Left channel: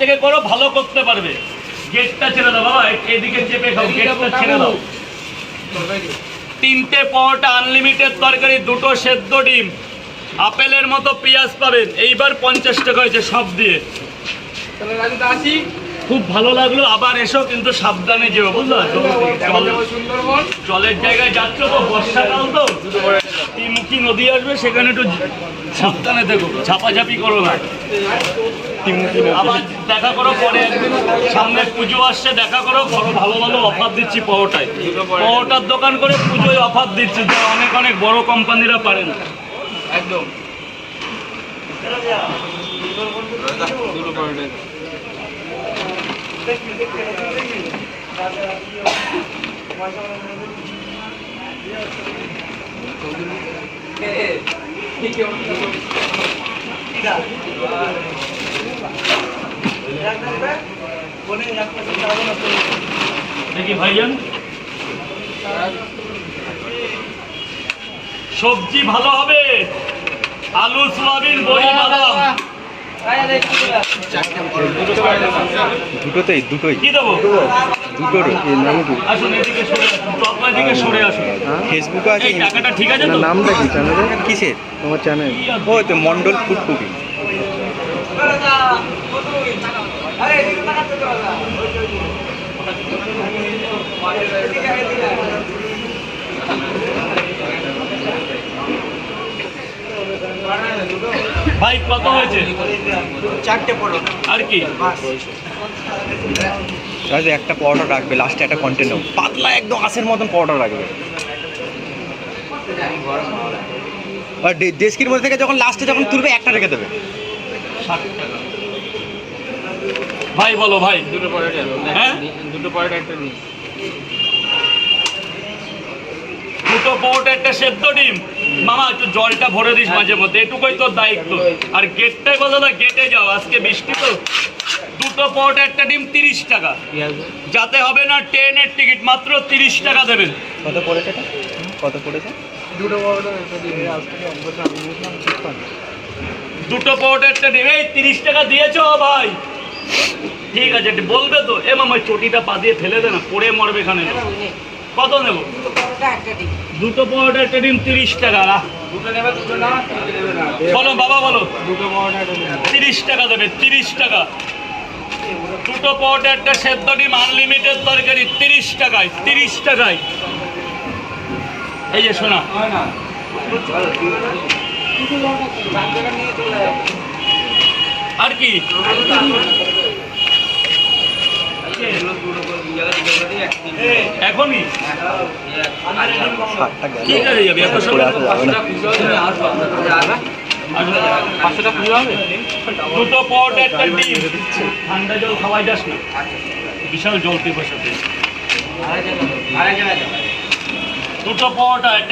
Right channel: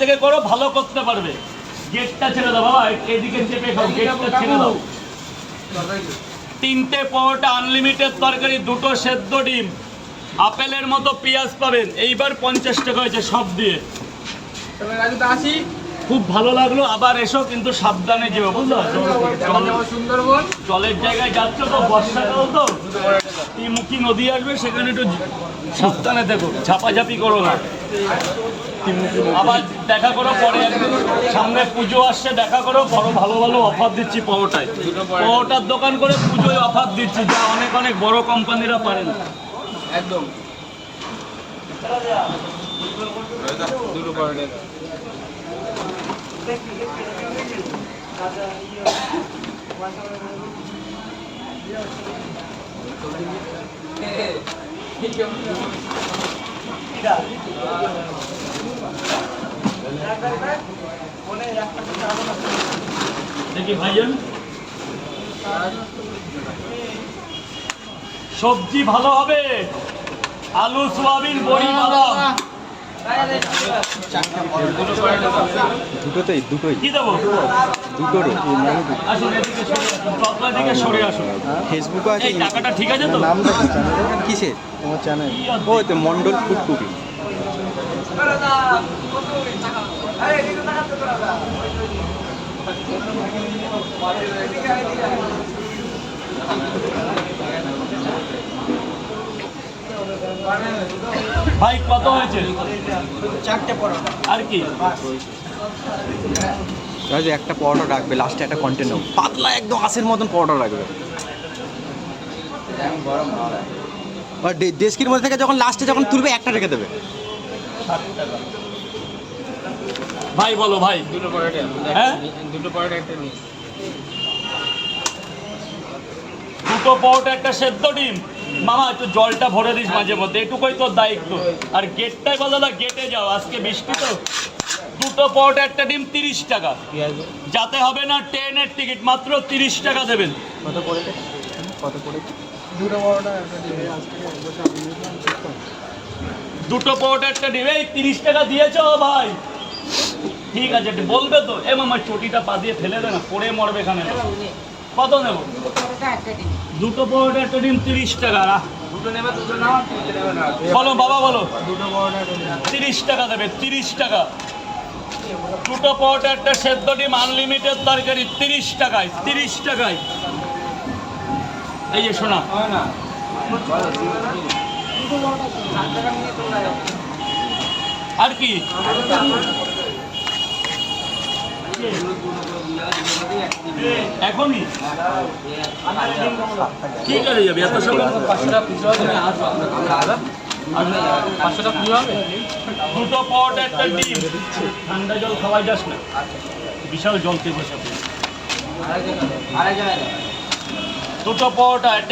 থেকে করো, ভালো করতে পারবে। গেটটা ছেড়ে দাও বাবা, এদিকে চেপে খাও, গেটটা ছেড়ে দাও। 3টে পরোটা, আনলিমিটেড তরকারি, 2টো সেদ্ধ ডিম, আপেলের মতো পেঁয়াজ পাবেন। এইবার 50 টাকা হয়েছে সব দিয়ে। খুব ভালো লাগলো, আবার এসো, কিন্তু সাবধানে যেও, বুঝলো? জলের জায়গায় যাচ্ছ তো, বর্ষাকাল তো, ত্রিমুখী নদী আসবে, সেখানে একটু সাবধানে দেখো, ঝাপাঝাপি করো না। আবার দেখা করো পরে একদিন, সামনে পুজো আসছে, দেখা করো, ভালো ভালো অফার দিচ্ছি পরোটায়। পরোটার দোকান করে পুজোয় অফার দিচ্ছি, যা অনেক অনেক বড় কোম্পানিরা পারে না। একদম দেখি ভাইজান, সবজি ভালো হবে, আলু, সোয়াবিন, বড়ি, বাদাম। দুটোই কি দেবো? দুটোর আসুন এদিকে সরে আসুন, চকলা থেকে সরে আসুন। ফেসবুকে আছে, এই টাকাটা ঠিক আছে তো? নামটা কি চ্যানেলের? কিসের তোমার চ্যানেল? ও তো মন্ডল ফুড কুকিং। ভাই কত হয়েছে? 4টে পরোটা আর কি? একটা পরোটা রাখবে, লাস্টে একটা কন্টেন্ট নেব, পাতলা একদম আঁশের মতন পরোটা রাখবে। আর ডেস্কির মধ্যে থেকে যখন লাস্টে যখন তুলবে, একটা রেখে দেবে। 60 টাকা। ভাই বলো ভাই, হ্যাঁ, 2টো পরোটা, একটা সেদ্ধ ডিম। মামা একটু জলটা ভরে দিস মাঝে মধ্যে, এটুকুই তোর দায়িত্ব। আর গেটটাই বলো না, গেটে যাও, আজকে বৃষ্টি তো। 2টো পরোটা, একটা ডিম, 30 টাকা। যাতে হবে না ট্রেনের টিকিট, মাত্র 30 টাকা দেবেন। কত পড়েছে? কত পড়েছে? 2টো পরোটা একটা ডিম। 2টো পরোটা, একটা ডিম, এই 30 টাকা দিয়েছো ভাই? ঠিক আছে, বলবে তো। এ মামা চটিটা পা দিয়ে ফেলে দে না, পড়ে মরবে এখানে। কত নেব? 2টো পরোটা, একটা ডিম, 30 টাকা। বলো বাবা, বলো। 30 টাকা দেবে, 30 টাকা। 2টো পরোটা, একটা সেদ্ধ ডিম, আনলিমিটেড তরকারি, 30 টাকায়, 30 টাকায়। এই যে শোনা, আর কি? এখনই কি করে যাবে? 2টো পরোটা, একটা ডিম। ঠান্ডা জল খাওয়াই যাস না, বিশাল জল তুই বসাতে। 2টো পরোটা, একটা